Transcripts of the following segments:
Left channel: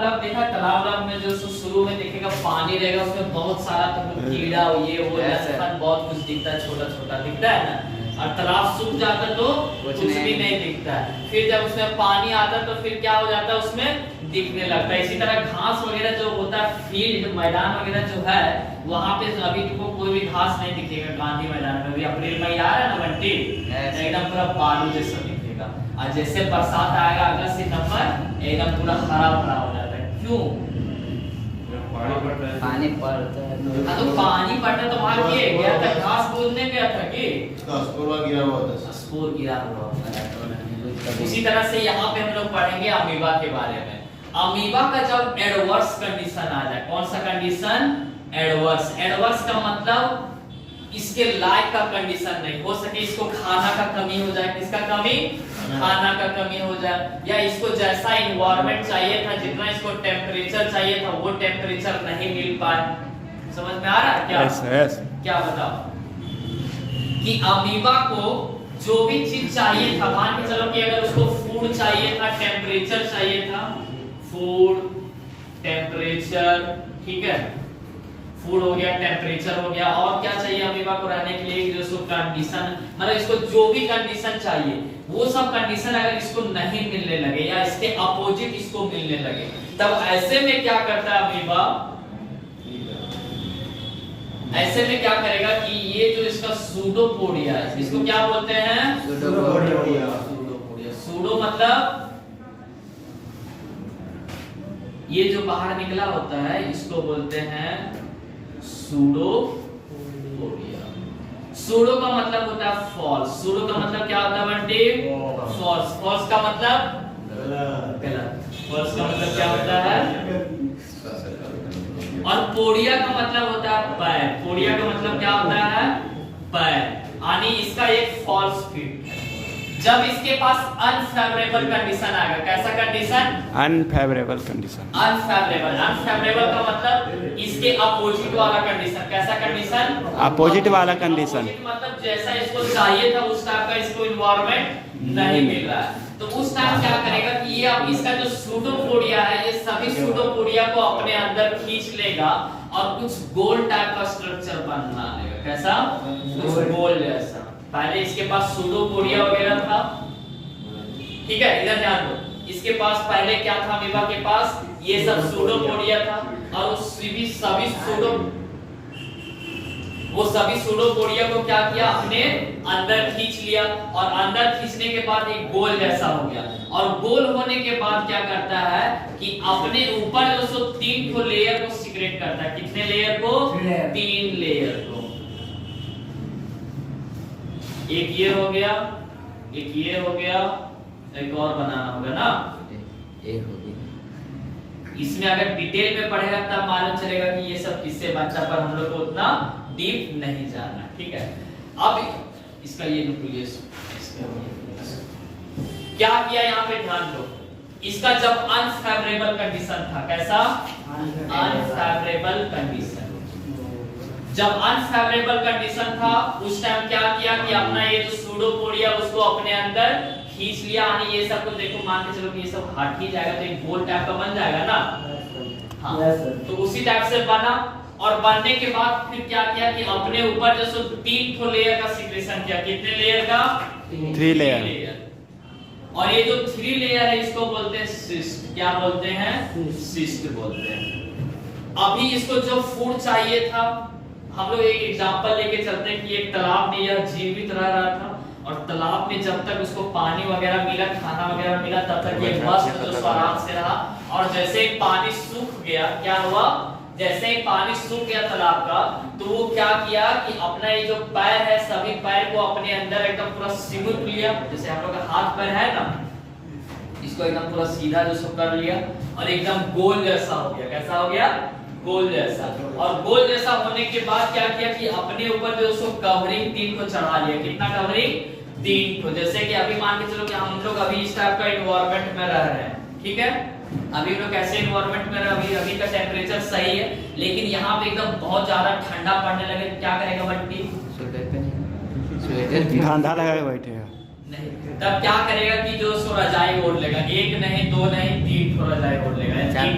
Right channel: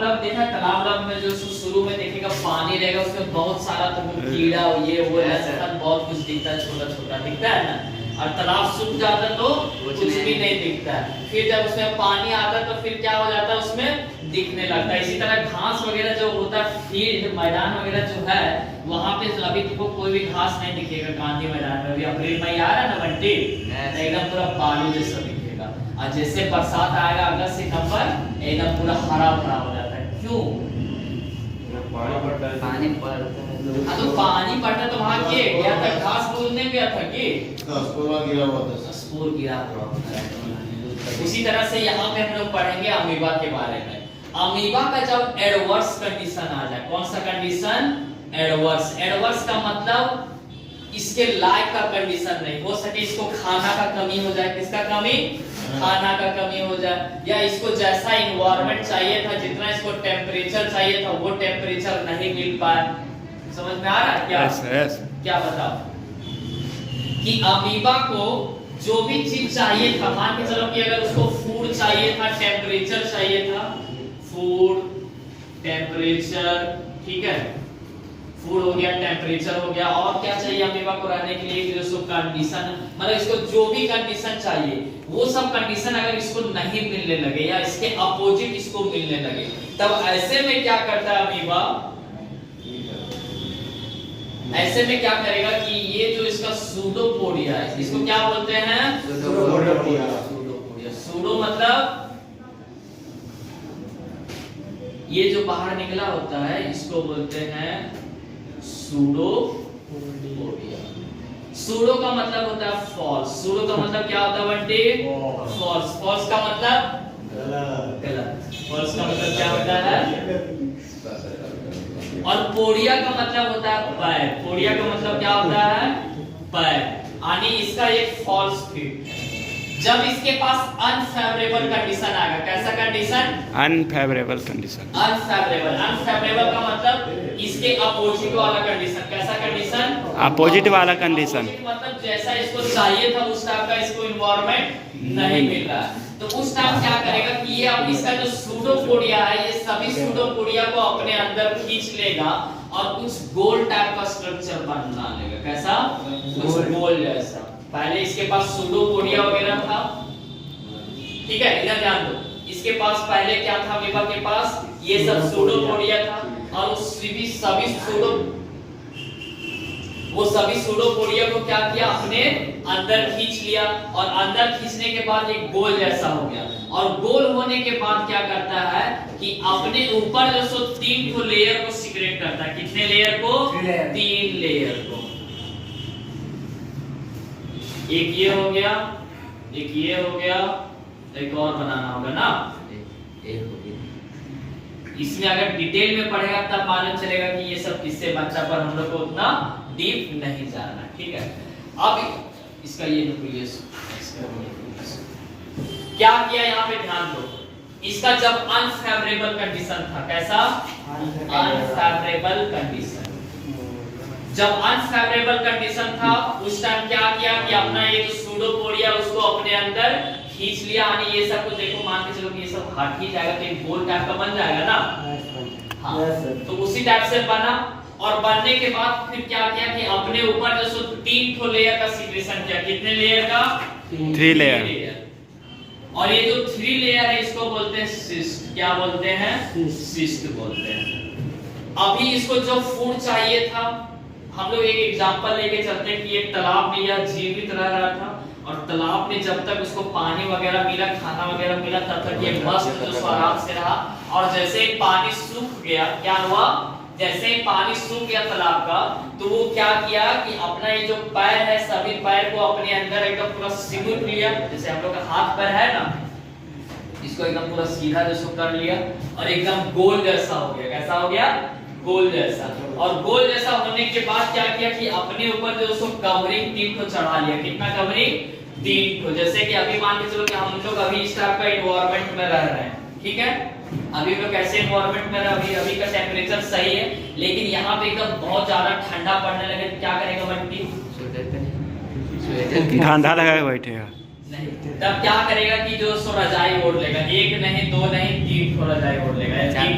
मतलब देखा तालाब में जो शुरू में देखेगा पानी रहेगा, उसमें बहुत सारा तुमको कीड़ा ये वो लसपन बहुत कुछ दिखता है, छोटा छोटा दिखता है ना। और तालाब सूख जाता तो कुछ भी नहीं दिखता है। फिर जब उसमें पानी आता तो फिर क्या हो जाता है, उसमें दिखने लगता है। इसी तरह घास वगैरह जो होता है, फील्ड मैदान वगैरह जो है, वहाँ पे अभी देखो कोई भी घास नहीं दिखेगा। गांधी मैदान में अभी अप्रैल मई आ रहा है ना बंटी, एकदम पूरा बालू जैसा दिखेगा। और जैसे बरसात आएगा अगस्त सितंबर, एकदम पूरा हरा भरा हो जाता है। क्यों? पानी पड़ता है। तो पानी पड़ता तो वहाँ गया था, घास बोलने गया था कि गिरा हुआ था, स्पोर गिरा हुआ था। उसी तरह से यहाँ पे हम लोग पढ़ेंगे अमीबा के बारे में। अमीबा का जब एडवर्स कंडीशन आ जाए, कौन सा कंडीशन? एडवर्स। एडवर्स का मतलब इसके लायक का कंडीशन नहीं हो सके, इसको खाना का कमी हो जाए। किसका कमी? खाना का कमी हो जाए, या इसको जैसा इन्वायरमेंट चाहिए था, जितना इसको टेम्परेचर चाहिए था, वो टेम्परेचर नहीं मिल पाए। समझ में आ रहा है क्या? yes. क्या बताओ कि अमीबा को जो भी चीज चाहिए था, मान के चलो कि अगर उसको फूड चाहिए था, टेम्परेचर चाहिए था, फूड टेम्परेचर, ठीक है, फूड हो गया, टेम्परेचर हो गया, और क्या चाहिए अमीबा को रहने के लिए? जो उसको कंडीशन, मतलब इसको जो भी कंडीशन चाहिए, वो सब कंडीशन अगर इसको नहीं मिलने लगे या इसके अपोजिट इसको मिलने लगे, तब ऐसे में क्या करता है अमीबा? ऐसे में क्या करेगा कि ये जो इसका सूडोपोडिया है, इसको क्या बोलते हैं? सूडोपोडिया। सूडो मतलब ये जो बाहर निकला होता है, इसको बोलते हैं सूडोपोडिया। सूडो का मतलब होता है फॉल्स। सूडो का मतलब क्या होता है बंटी? फॉल्स। फॉल्स का मतलब गलत। फॉल्स का मतलब क्या होता है? और पोडिया का मतलब होता है पैर। पोडिया का मतलब क्या होता है? पैर। यानी इसका एक फॉल्स फिट। जब इसके पास अनफेवरेबल कंडीशन आएगा, कैसा condition? Unfavourable condition. Unfavourable. Unfavourable का मतलब इसके अपोजिट वाला कंडीशन। कैसा कंडीशन? अपोजिट वाला कंडीशन। मतलब जैसा इसको चाहिए था उस टाइप का इसको इन्वायरमेंट नहीं मिल रहा है, तो उस टाइम क्या करेगा कि ये अब इसका जो सूडोपोडिया है, ये सभी सूडोपोडिया को अपने अंदर खींच लेगा और कुछ गोल टाइप का स्ट्रक्चर बना लेगा। कैसा? कुछ गोल जैसा। पहले इसके पास सूडोपोडिया वगैरह था, ठीक है, इधर ध्यान दो। इसके पास पहले क्या था? अमीबा के पास ये सब सूडोपोडिया था, और वो सभी सूडोपोडिया को क्या किया? अपने अंदर खींच लिया, और अंदर खींचने के बाद एक गोल जैसा हो गया। और गोल होने के बाद क्या करता है कि अपने ऊपर जो सो 3 लेयर को सिक्रेट करता है। कितने लेयर को? 3 लेयर को। एक ये हो गया, एक ये हो गया, एक और बनाना होगा ना। इसमें अगर डिटेल में पढ़ेगा तब मालूम चलेगा कि ये सब किससे बचा, पर हम लोग को उतना डीप नहीं जाना, ठीक है। अब इसका ये न्यूक्लियस क्या किया यहाँ पे ध्यान दो। इसका जब अनफेवरेबल कंडीशन था, कैसा? Unfavourable condition. जब अनफेवरेबल कंडीशन था, उस टाइम क्या किया कि अपना ये जो सूडोपोडिया उसको अपने अंदर खींच लिया। यानी ये सब को देखो, मान के चलो कि ये सब हट ही जाएगा तो एक गोल टाइप का बन जाएगा ना। हाँ, तो उसी टाइप से बना, और बनने के बाद फिर क्या किया कि अपने ऊपर जो 3 लेयर का सिक्रेशन किया। कितने लेयर का? 3 लेयर। और ये जो 3 लेयर है इसको बोलते हैं सिस्ट। क्या बोलते हैं? सिस्ट बोलते हैं। अभी इसको जो फूड चाहिए था, हम लोग एक एग्जांपल लेके चलते हैं कि एक तालाब में यह जीवित रह रहा था, और तालाब में जब तक उसको पानी वगैरह मिला, खाना वगैरह मिला, तब तक ये मस्त जो आराम से रहा। और जैसे ही पानी सूख गया, क्या हुआ? जैसे ही पानी सूख गया तालाब का, तो वो क्या किया कि अपना ये जो पैर है, सभी पैर को अपने अंदर एकदम पूरा सिमुट लिया। जैसे हम लोग का हाथ पैर है ना, इसको एकदम पूरा सीधा जो कर लिया, और एकदम गोल जैसा हो गया। कैसा हो गया? गोल जैसा। और गोल जैसा होने के बाद क्या किया कि अपने ऊपर जो उसको कवरिंग 3 को चढ़ा लिया। कितना कवरिंग? 3 को। जैसे कि अभी मान के चलो कि हम लोग अभी इस टाइप का एनवायरनमेंट में रह रहे हैं, ठीक है। अभी लोग कैसे एनवायरनमेंट में रह, अभी का टेम्परेचर सही है, लेकिन यहाँ पे एकदम बहुत ज्यादा ठंडा पड़ने लगे, क्या करेगा बंटी? ठंडा लगा के बैठेगा नहीं, तब क्या करेगा कि जो सो रजाई ओढ़ लेगा। 1 नहीं, 2 नहीं, 3 रजाई ओढ़ लेगा। 3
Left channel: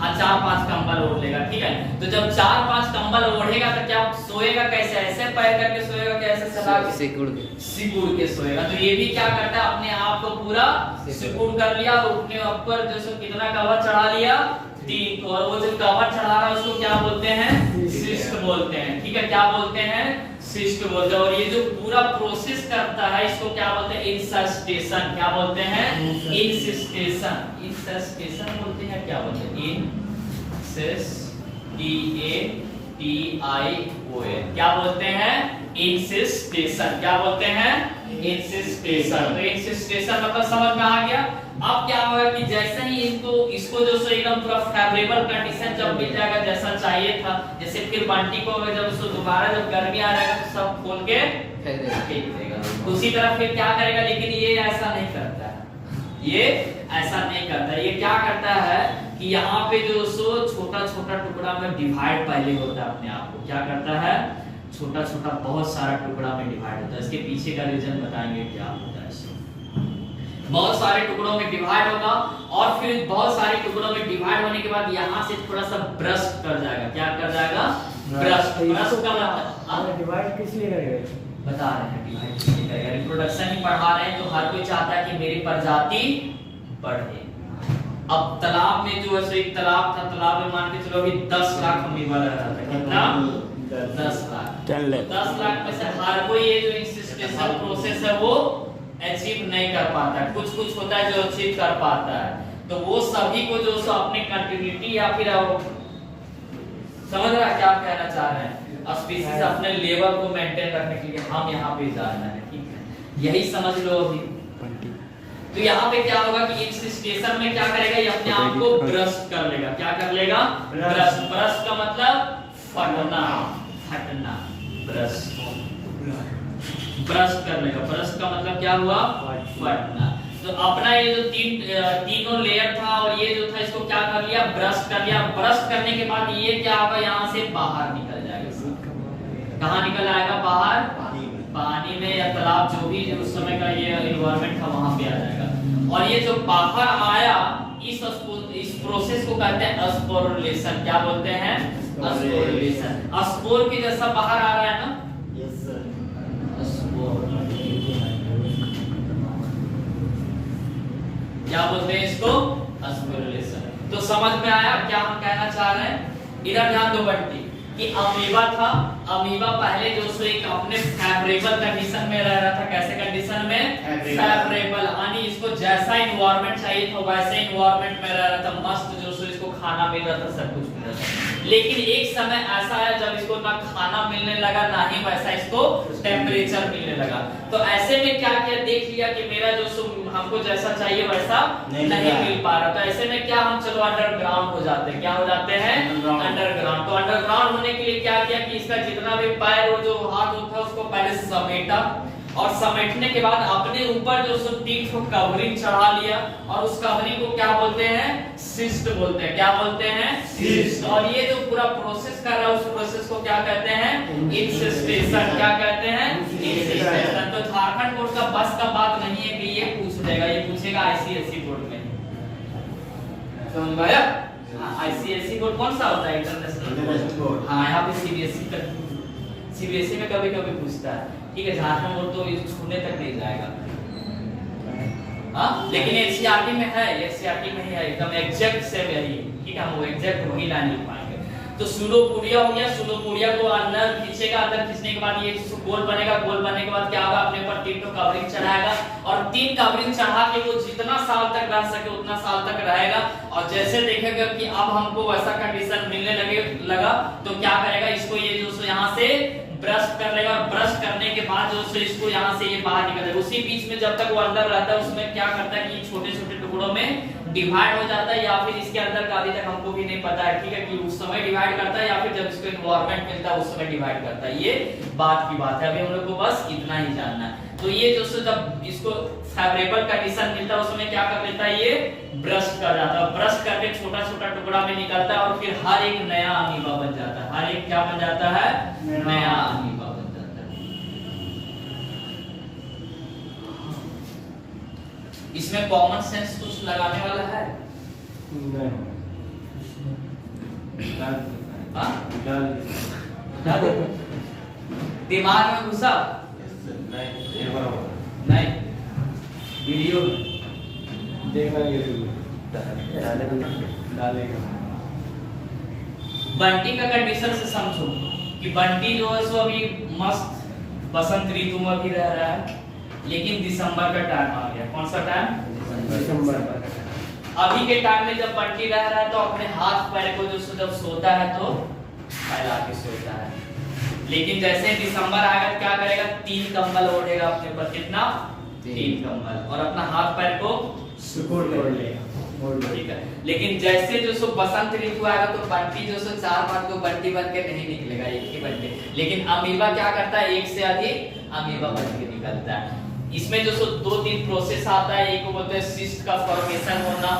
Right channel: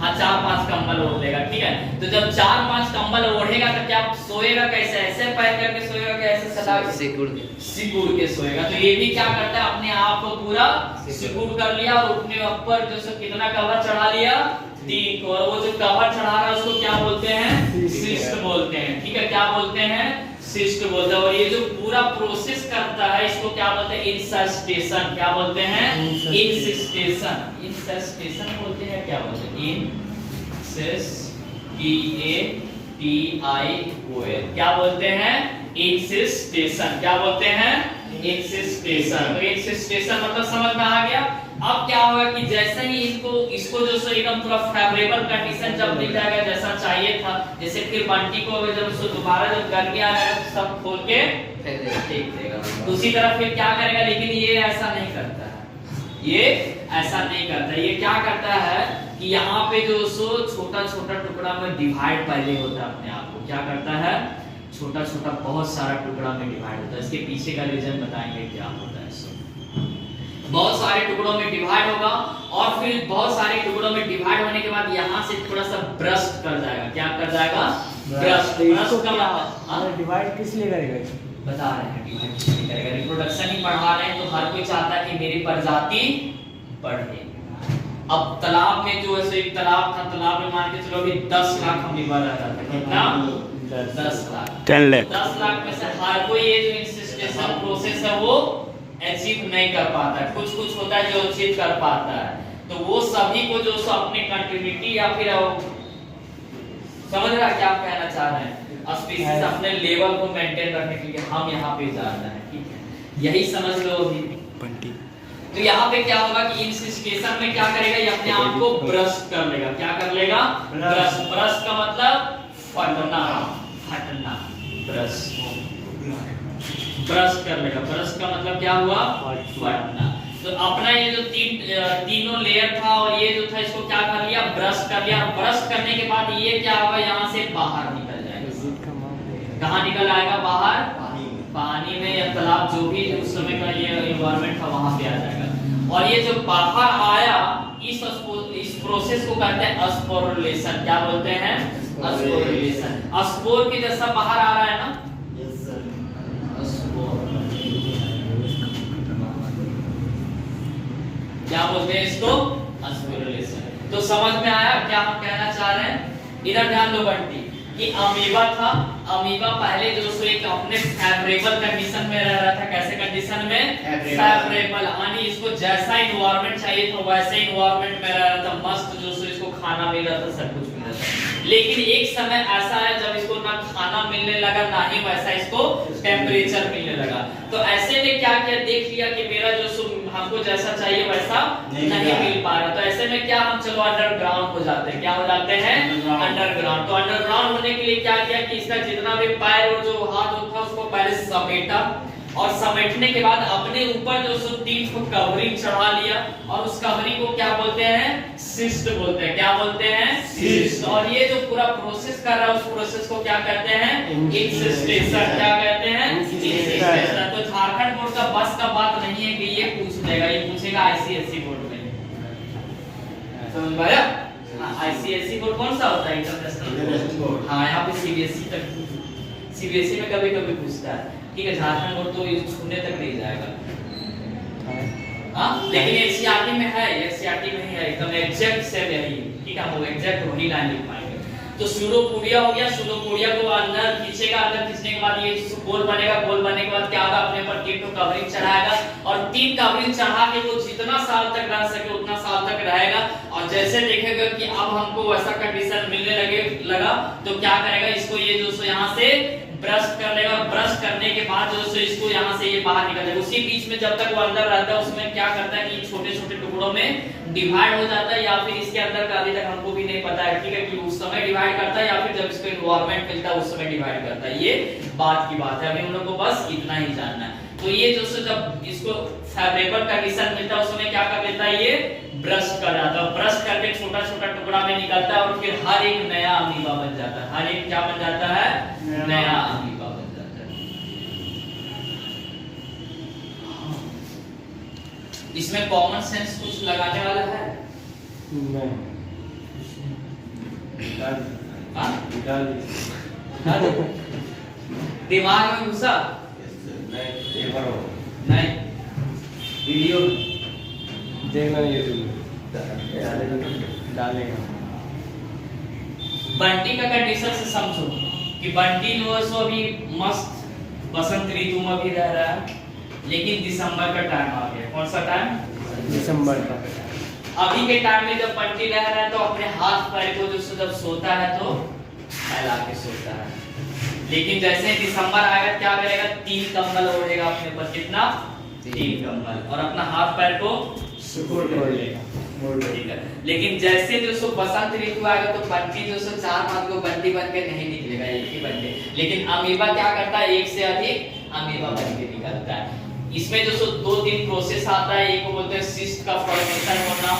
हाँ 4-5 कंबल ओढ़ लेगा, ठीक है। तो जब 4-5 कंबल ओढ़ेगा तो क्या सोएगा कैसे, ऐसे पैर करके सोएगा क्या, ऐसे सदा सिकुड़ के सोएगा। तो ये भी क्या करता है, अपने आप को पूरा सिकुड़ कर लिया और उठने ऊपर जैसे कितना कवर चढ़ा लिया, 3 को। और वो जो कवर चढ़ा रहा है उसको क्या बोलते हैं, सिस्ट बोलते हैं, ठीक है। क्या बोलते हैं, सिस्ट बोलते हैं। और ये जो पूरा प्रोसेस करता है इसको क्या बोलते हैं, इंसस्टेशन। क्या बोलते हैं, इंसस्टेशन। इंसस्टेशन बोलते हैं, क्या बोलते हैं, इंसस्टेशन। क्या बोलते हैं, इंसस्टेशन। क्या बोलते हैं, इंसस्टेशन। तो इंसस्टेशन मतलब समझ में आ गया। अब क्या होगा कि जैसे ही इसको जो सो एकदम पूरा फेवरेबल कंडीशन जब मिल जाएगा जैसा चाहिए था, जैसे फिर बंटी को जब उसको दोबारा जब गर्मी आ जाएगा तो सब खोल के फेंक देगा। उसी तरह फिर क्या करेगा, लेकिन ये ऐसा नहीं करता है, ये ऐसा नहीं करता। ये क्या करता है कि यहाँ पे जो सो छोटा छोटा टुकड़ा में डिवाइड पहले होता है अपने आप को, क्या करता है, छोटा छोटा बहुत सारा टुकड़ा में डिवाइड होता है। इसके पीछे का रीजन बताएंगे क्या होता है। बहुत सारे टुकड़ों में डिवाइड होगा और फिर बहुत सारे टुकड़ों में डिवाइड होने के बाद यहाँ से थोड़ा सा ब्रस्ट कर जाएगा। क्या कर जाएगा, ब्रस्ट। ब्रस्ट का मतलब डिवाइड किस लिए करेगा, बता रहे हैं डिवाइड किस लिए करेगा। रिप्रोडक्शन ही बढ़ा रहे हैं तो हर कोई चाहता है कि मेरी प्रजाति बढ़े। अब तालाब में जो है एक तालाब था, तालाब में मान के चलो अभी 10 लाख अमीबा रह रहा था, कितना, 10 लाख। 10 लाख। 10 लाख में से हर कोई ये जो इंसिस्टेशन प्रोसेस है वो अचीव नहीं कर पाता, कुछ कुछ होता है जो अचीव कर पाता है। तो वो सभी को जो सो अपने कंट्रीब्यूटी या फिर समझ रहा है क्या कहना चाह रहे हैं, स्पीशीज अपने लेवल को मेंटेन रखने के लिए हम यहाँ पे जा रहे हैं, ठीक है, यही समझ लो अभी। तो यहाँ पे क्या होगा कि इंसिस्टेशन में क्या करेगा, ये अपने आप को ब्रस्ट कर लेगा। क्या कर लेगा, ब्रस्ट। ब्रस्ट का मतलब फटना, फटना, ब्रस्ट, ब्रश कर लेगा। ब्रश का मतलब क्या हुआ, फटना। तो अपना ये जो तीनों लेयर था और ये जो था इसको क्या कर लिया, ब्रश कर लिया। ब्रश करने के बाद ये क्या होगा, यहाँ से बाहर निकल जाएगा। कहाँ निकल आएगा, बाहर, पानी में या तालाब, जो भी उस समय का ये एनवायरनमेंट था वहां पे आ जाएगा। और ये जो बाहर आया इस प्रोसेस को कहते हैं स्पोरुलेशन। क्या बोलते हैं, स्पोरुलेशन। स्पोर के जैसा बाहर आ रहा है ना, क्या बोलते हैं इसको, स्पोरुलेशन। तो समझ में आया क्या हम कहना चाह रहे हैं। इधर ध्यान दो बंटी कि अमीबा था, अमीबा पहले जो सो एक अपने फेवरेबल कंडीशन में रह रहा था। कैसे कंडीशन में, फेवरेबल, यानी इसको जैसा एनवायरनमेंट चाहिए था वैसे एनवायरनमेंट में रह रहा था, मस्त जो सो इसको खाना मिल रहा था, सब कुछ मिल रहा था। लेकिन एक समय ऐसा आया जब इसको ना खाना मिलने लगा ना ही वैसा इसको टेम्परेचर मिलने लगा। तो ऐसे में क्या किया, देख लिया कि मेरा जो सो हमको जैसा चाहिए वैसा नहीं मिल पा रहा। तो ऐसे में क्या, हम चलो अंडरग्राउंड हो जाते हैं। क्या हो जाते हैं, अंडरग्राउंड। तो अंडरग्राउंड होने के लिए क्या किया कि इसका जितना भी पैर और जो हाथ था उसको पहले समेटा, और समेटने के बाद अपने ऊपर जो सो 3 कवरिंग चढ़ा लिया, और उस कवरिंग को क्या बोलते हैं, सिस्ट बोलते हैं। क्या बोलते हैं, सिस्ट। और ये जो पूरा प्रोसेस कर रहा है उस प्रोसेस को क्या कहते हैं, इंसिस्टेशन। क्या कहते हैं, इंसिस्टेशन। तो झारखंड बोर्ड का बस का बात नहीं है कि ये पूछ देगा, ये पूछेगा आईसीएसई बोर्ड में, समझ में आया। आईसीएसई बोर्ड कौन सा होता है, इंटरनेशनल बोर्ड। हाँ, यहाँ पे सीबीएसई तक, सीबीएसई में कभी कभी पूछता है, ठीक है। झारखंड बोर्ड तो ये छूने तक नहीं जाएगा, हाँ। लेकिन एनसीईआरटी में है, एनसीईआरटी में ही है, एकदम एग्जैक्ट सेम यही, ठीक है। हम वो एग्जैक्ट वही लाइन लिख पाएंगे। तो सूडोपोडिया हो गया, सूडोपोडिया को अंदर खींचेगा, अंदर खींचने के बाद ये गोल बनेगा, गोल बनने के बाद क्या होगा, अपने पर 3 कवरिंग चढ़ाएगा, और 3 कवरिंग चढ़ा के वो जितना साल तक रह सके उतना साल तक रहेगा। और जैसे देखेगा कि अब हमको वैसा कंडीशन मिलने लगा तो क्या करेगा, इसको ये जो यहाँ से ब्रश कर लेगा, और ब्रश करने के बाद जो सो इसको यहाँ से ये बाहर निकल जाएगा। उसी बीच में जब तक वो अंदर रहता है उसमें क्या करता है कि छोटे छोटे टुकड़ों में डिवाइड हो जाता है, या फिर इसके अंदर का अभी तक हमको भी नहीं पता है, ठीक है, कि उस समय डिवाइड करता है या फिर जब इसको एनवायरनमेंट मिलता है उस समय डिवाइड करता है। ये बात की बात है, अभी हम लोग को बस इतना ही जानना है। तो ये जो सो जब इसको फेवरेबल कंडीशन मिलता है उसमें क्या कर देता है, ये ब्रश कर रहा था, ब्रश करके छोटा छोटा टुकड़ा में निकलता है, और फिर हर एक नया अमीबा बन जाता है। हर एक क्या बन जाता है, नया अमीबा बन जाता है। इसमें कॉमन सेंस कुछ लगाने वाला है, हाँ? दिमाग में घुसा नहीं। वीडियो देखा डालेंगे। बंटी का कंडीशन से समझो कि बंटी जो है सो अभी मस्त बसंत ऋतु में भी रह रहा है, लेकिन दिसंबर का टाइम आ गया। कौन सा टाइम? दिसंबर का। अभी के टाइम में जब बंटी रह रहा है तो अपने हाथ पैर को जो जब सोता है तो फैला के सोता है, लेकिन जैसे दिसंबर आएगा क्या करेगा? 3 कंबल ओढ़ेगा अपने पर। कितना? 3 कंबल, और अपना हाथ पैर को सुकून कर लेगा। ठीक है। लेकिन जैसे जो सो बसंत ऋतु आएगा तो बंटी जो सो 4-5 को बंटी बन के नहीं निकलेगा, एक ही बन के। लेकिन अमीबा क्या करता है? एक से अधिक अमीबा बन के निकलता है। इसमें जो सो 2-3 प्रोसेस आता है। एक को बोलते हैं सिस्ट का फॉर्मेशन होना,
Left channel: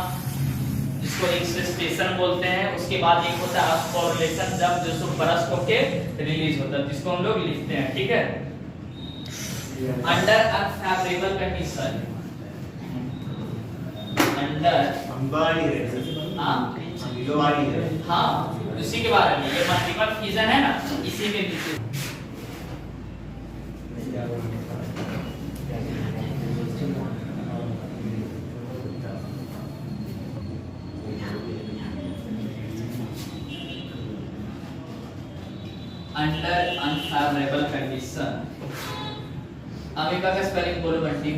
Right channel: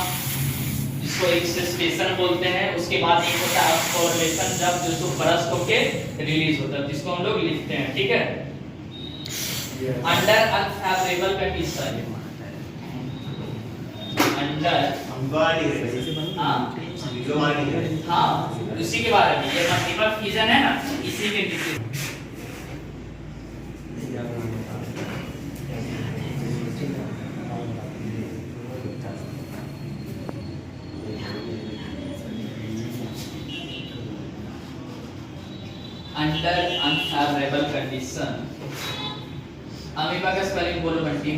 इसको इंसेस्टेशन बोलते हैं। उसके बाद एक होता है फॉर्मेशन, जब जो सो बरस्ट होके रिलीज होता है, जिसको हम लोग लिखते हैं। ठीक है। अंडर अनफेवरेबल कंडीशन, अंडर हाँ, उसी के बारे में ये मल्टीपल फ्यूजन है ना, इसी के नीचे। अंडर अनफेवरेबल कंडीशन, अमीबा का स्पेलिंग बोलो बंटी।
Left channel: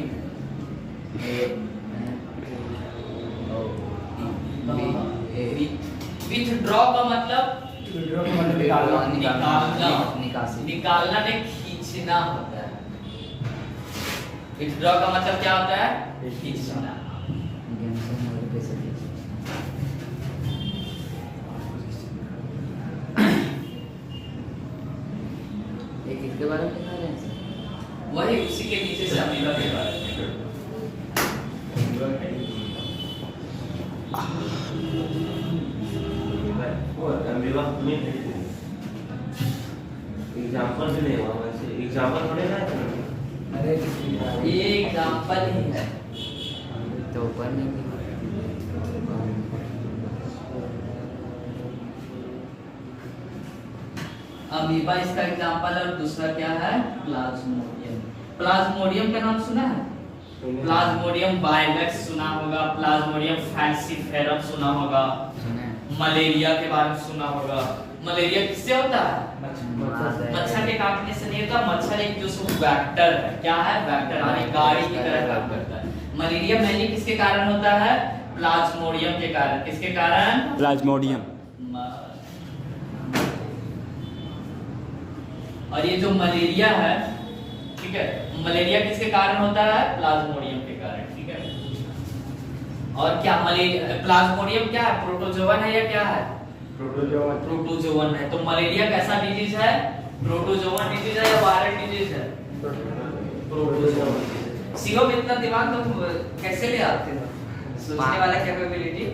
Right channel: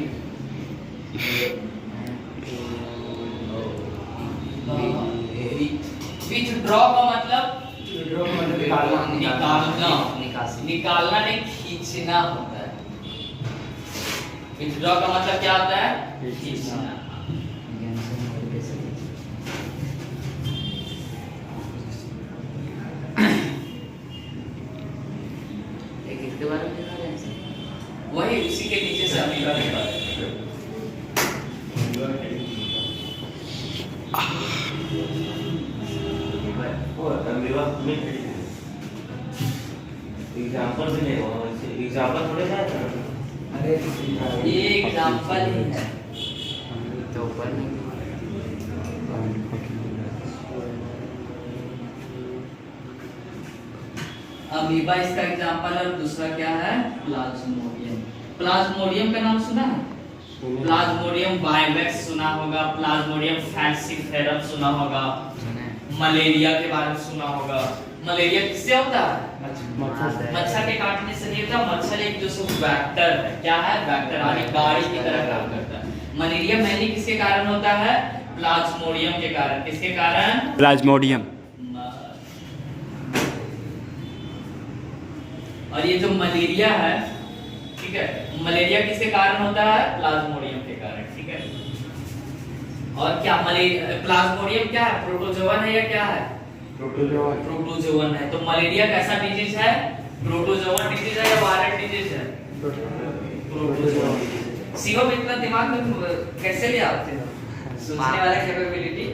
विथड्रॉ का मतलब निकालना नहीं, खींचना होता है। विथड्रॉ का मतलब क्या होता है? खींचना। किसके बारे में लिखा है? वही उसी के नीचे से अमीबा के बारे में। एग्जाम्पल भी नहीं हुआ वैसे, एग्जाम्पल थोड़े ना है। अरे ये एग्जांपल ही है। तो ऊपर नहीं अमीबा इसका एग्जांपल है, और दूसरा क्या है? प्लाज्मोडियम। प्लाज्मोडियम का नाम सुना है? प्लाज्मोडियम वाइवेक्स सुना होगा, प्लाज्मोडियम फैंसीफेरम सुना होगा, मलेरिया के बारे में सुना होगा। मलेरिया किससे होता है? मच्छर के काटने से नहीं होता। मच्छर एक जो सो वेक्टर है। क्या है? वेक्टर, आगे गाड़ी की तरह काम करता है। मलेरिया मेनली किसके कारण होता है? प्लाज्मोडियम के कारण। किसके कारण? प्लाज्मोडियम। और ये जो मलेरिया है, ठीक है, मलेरिया किसके कारण होता है? प्लाज्मोडियम के कारण। ठीक है। और क्या प्लाज्मोडियम क्या है? प्रोटोजोवन है या क्या है? प्रोटोजोवन है। तो मलेरिया कैसा डिजीज है? प्रोटोजोवन डिजीज है या वायरल डिजीज है? प्रोटोजोवन। शिवम इतना दिमाग में कैसे ले आते हो? सोचने वाला कैपेबिलिटी।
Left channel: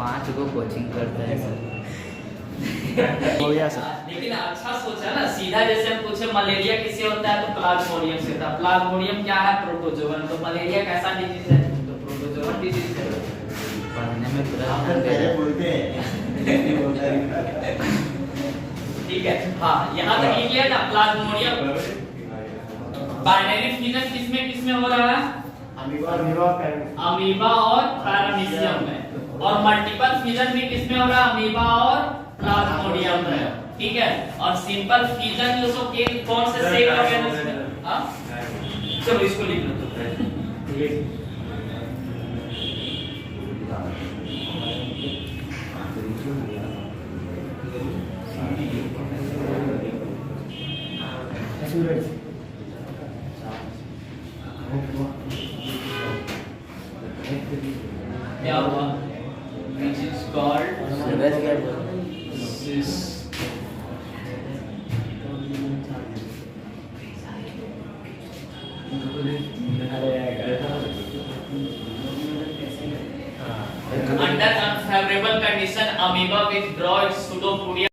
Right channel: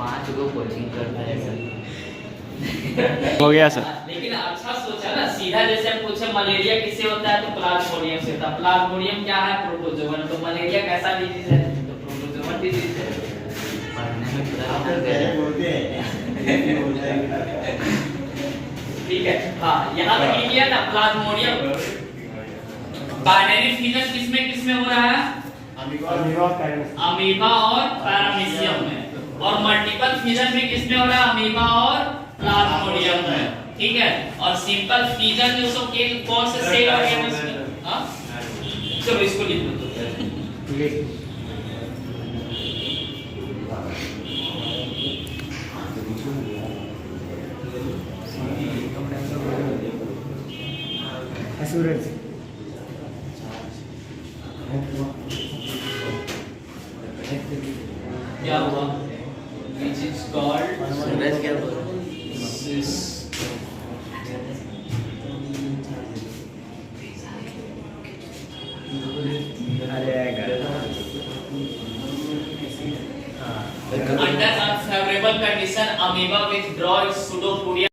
5 को कोचिंग करता है सर। हो गया सर। लेकिन अच्छा सोचा ना, सीधा जैसे हम पूछे मलेरिया किससे होता है तो प्लाज्मोडियम से होता है। प्लाज्मोडियम क्या है? प्रोटोजोवन। तो मलेरिया कैसा डिजीज है? तो प्रोटोजोवन डिजीज है। पढ़ने में पूरा आप तो पहले बोलते हैं। ठीक है। हाँ, यहाँ तक लिख लिया ना प्लाज्मोडियम। बाइनरी फ्यूजन किसमें हो रहा है? अमीबा और पैरामीशियम में। और मल्टीपल फ्यूजन में किसमें हो रहा है? अमीबा और प्लाज्मोडियम में। ठीक है। और सिंपल फ्यूजन जो सो के कौन से सेल ऑर्गेनिज्म में? हां, चलो इसको लिख लो। सूरज क्या हुआ? Which is called सूरज क्या बोल under unfavorable condition amoeba withdraw its pseudopodia